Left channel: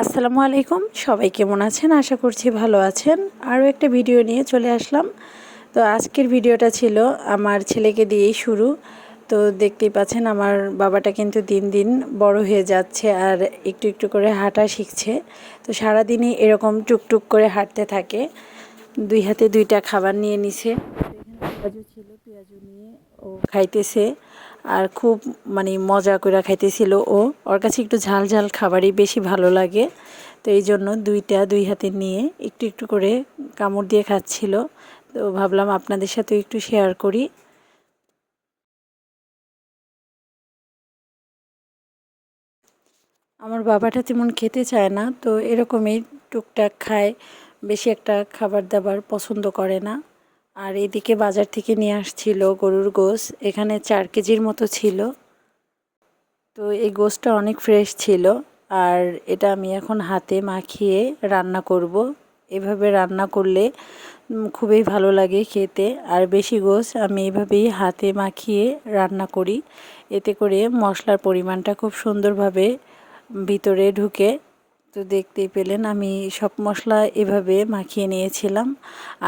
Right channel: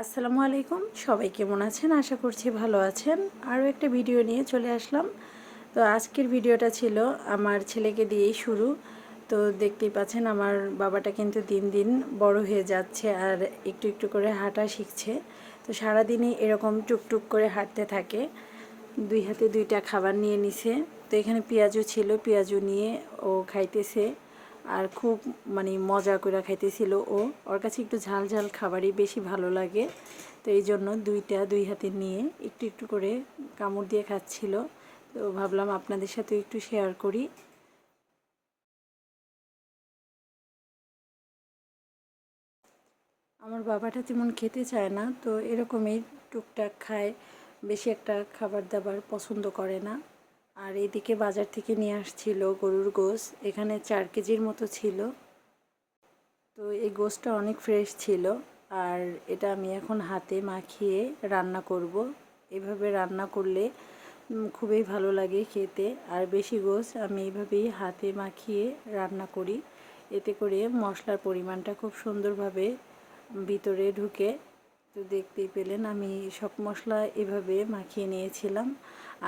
আসসালামু আলাইকুম, সবাই কেমন আছেন? আশা করছি ভালো আছেন। আরও একটা ভিডিও নিয়ে চলে আসলাম। তো আজকের ভিডিওটা ছিল আমার ছেলেকে দিয়েই শুরু। তো দেখতেই পাচ্ছেন আমার বাবাটা কিন্তু দিন দিন বড় হয়ে যাচ্ছে আর একটু একটু করে হাঁটা শিখছে। তো সারাদিনই এরকম টুকটুক করে হাঁটতে থাকে। দুই হাতে দুইটা খাবার নিয়ে নিছে। তো এখানে পেঁয়াজু ছিল, পেঁয়াজু নিয়ে ও খাইতেছে আর খুব মজা করে খাইতেছিল। ওর কাছে একটু ঝাল ঝাল খাবারই বেশি ভালো লাগে। তো এই জন্য দুই হাতে নিয়ে একটু একটু করে কামড় দিয়ে খাচ্ছিল। তো ভাবলাম আপনাদের সাথে একটু শেয়ার করি। আমার বাবাটা তেমন খেতে চায় না, তো এরকমই টুকটাক খায়, বেশি একটা খাবার দাবার পছন্দ করে না। আর এদিকে বাজার থেকে নিয়ে আসছিল গরুর গোশ, এখানে 4 কেজির মতো ছিল। তো এই গোশটা অনেক ফ্রেশ ছিল আর এটা আমি এখন হাতে মাখিয়ে রান্না করব। এভাবে রান্না করলে খুবই ভালো লাগে খেতে। আর বেশি গোশ আমি এভাবেই হাতে মাখিয়ে রান্না করি, এতে করে মশলার পরিমাণটা খুব সুন্দরভাবে ভিতরে ঢুকে। তো দেখতেই পেলেন আমি সব মশলা এভাবে মাখিয়ে নিয়েছিলাম।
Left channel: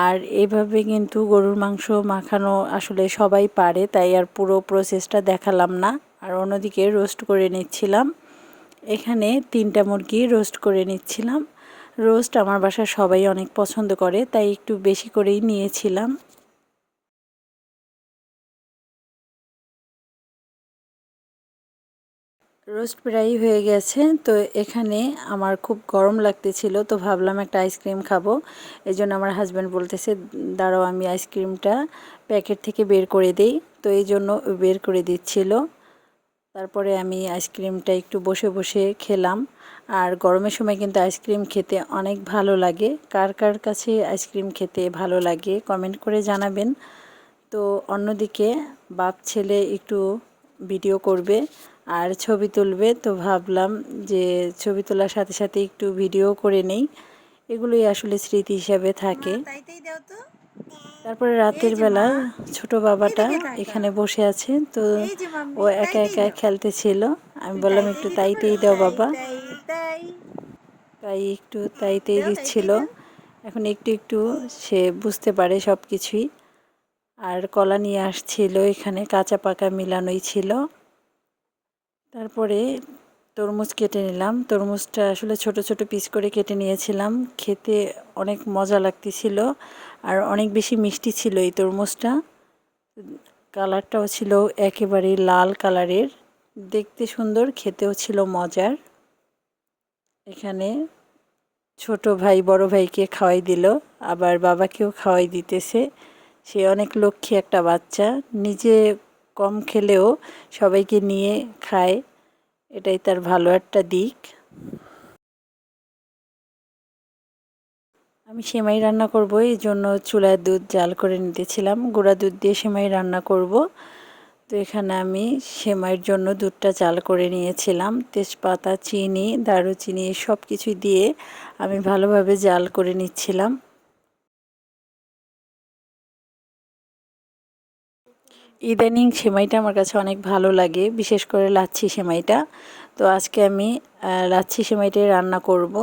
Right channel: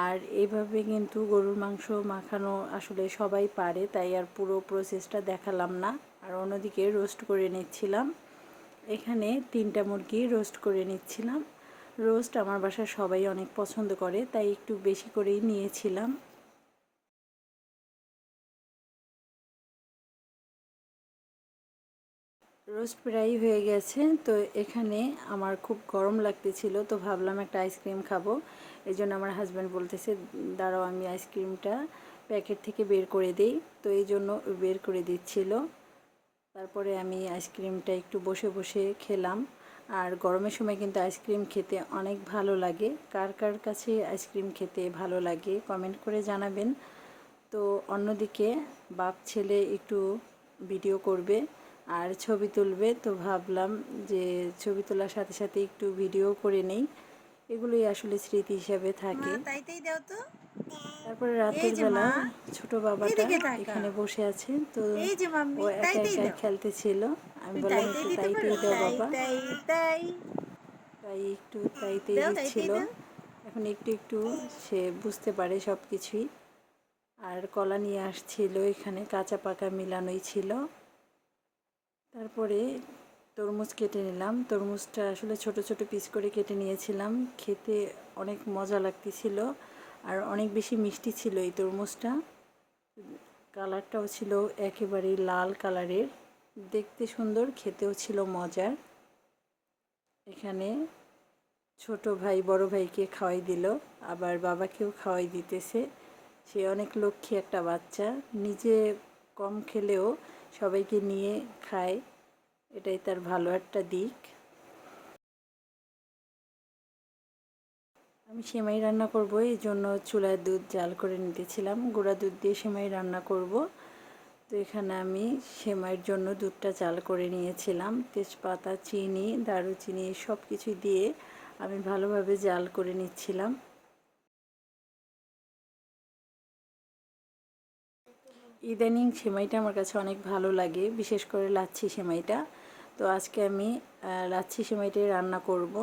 আর এভাবে কিন্তু গরুর মাংস মাখানো আসলে সবাই পারে, তাই আর পুরো প্রসেসটা দেখালাম না। আর অন্যদিকে রোস্ট করে নিচ্ছিলাম, এখানে 3টা মুরগি রোস্ট করে নিচ্ছিলাম। রোস্ট আমার বাসার সবাই অনেক পছন্দ করে, তাই একটু বেশি করেই নিয়েছিলাম। রোস্ট প্রায় হয়ে গেছে। তো এখানে আমার খুব গরম লাগতেছিল, তো ভাবলাম একটা আইসক্রিম খাবো। এই জন্য আমার হাজব্যান্ড বলতেছে দাঁড়াও আমি আইসক্রিমটা প্যাকেট থেকে বের করে দেই। তো এই জন্য বের করে দিচ্ছিল। তারপরে আমি আইসক্রিমটা একটু বসে বসে খেলাম। আর গরমের সময় কিন্তু আইসক্রিম খেতে অনেক ভালো লাগে। কার কার কাছে আইসক্রিম খেতে ভালো লাগে কমেন্ট করে জানাবেন। তো অন্যদিকে বাপ ছেলে একটু ভিডিও করবে আর ছবি তুলবে, তো ভাবলাম যে ছবি তোলার সাথে সাথে একটু ভিডিও করে নেই, এগুলোই আসলে স্মৃতি হিসাবে থাকে। তারপরে রাতের বেলা ছোট বাবাটা এখানে বসে আছে, তো ও একা একা খেলতেছিল। আমি বললাম একটু তাইতেই দাও বাবা, তাই একটু তাইতেই দিচ্ছিল। এখন একটু একটু সে বুঝতে পারে সব কিছুই। আর কলা নিয়ে আসছিল, এখানে কাঁচা পাকা মিলানোই ছিল। তারপরে তরমুজ কেটে নিলাম। তরমুজটা আসলে ছোট ছোট পিস করে কেটে নিয়েছিলাম, খেতে অনেক মজা লাগতেছিল আর অনেক বেশি মিষ্টি ছিল এই তরমুজটা। কালারটাও ছিল একেবারে লাল কালারের, দেখতে সুন্দর, খেতেও ছিল মজার। এখানে ছোট ভাই বড় ভাইকে খাওয়াই দিল, আবার বাবাকেও খাওয়াই দিতেছে। সে অনেক লক্ষ্মী একটা বাচ্চা, নিজে কম খেলেও সবাইকে নিয়ে খায়, এটাই তার ভালো একটা দিক। আমি সেমাই রান্না করব, এই জন্য চুলায় দুধ জাল করে নিতেছিলাম, গুঁড়া দুধ দিয়ে সেমাই রান্না করব। তো এখানে আমি সেমাইয়ের জন্য দুধটা জাল করে নিয়েছিলাম, তেজপাতা, চিনি, দারুচিনি সব কিছু দিয়ে আমি ভালোভাবে জাল করে নিচ্ছিলাম। ইদানিং সেমাইটা আমার কাছে অনেক ভালো লাগে, বিশেষ করে লাচ্ছি সেমাইটা। তো আজকে আমি লাচ্ছি সেমাইটাই রান্না করব।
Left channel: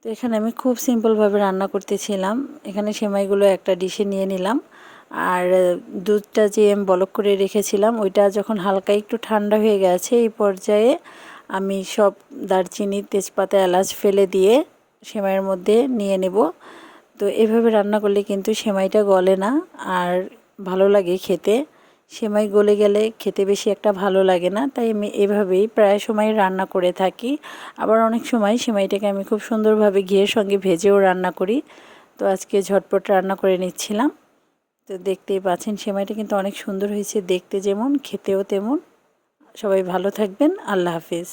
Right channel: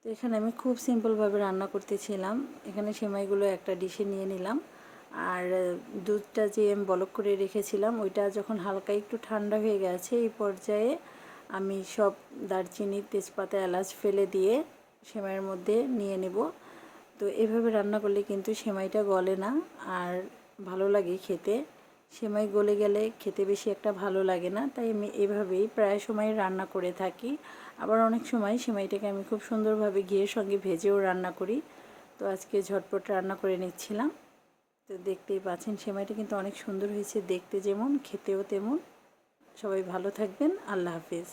তো এখানে আমি খুব সিম্পলভাবে রান্না করতেছিলাম। এখানে সেমাইগুলো একটা ডিশে নিয়ে নিলাম। আর দুধটা যে আমি বলক করে রেখেছিলাম ওইটা যখন হালকা একটু ঠান্ডা হয়ে গেছে, এই পর্যায়ে আমি সব দারচিনি, তেজপাতা, এলাচ ফেলে দিয়ে সেমাইয়ের মধ্যে নিয়ে নেব। তো এভাবে রান্না করলে কিন্তু সেমাইটা গলে না আর ভালো লাগে খেতে। সেমাই গলে গেলে খেতে বেশি একটা ভালো লাগে না, তাই আমি এভাবেই প্রায় সময় রান্না করে থাকি। আবার অনেক সময় সেমাইটাকে আমি খুব সুন্দরভাবে ঘিয়ের সঙ্গে ভেজেও রান্না করি। তো আজকে ঝটপট রান্না করে নিচ্ছিলাম। তো দেখতেই পাচ্ছেন সেমাইটা কিন্তু অনেক সুন্দর হয়েছে, দেখতে যেমন খেতেও তেমন। সবাই ভালো থাকবেন, আল্লাহ হাফিজ।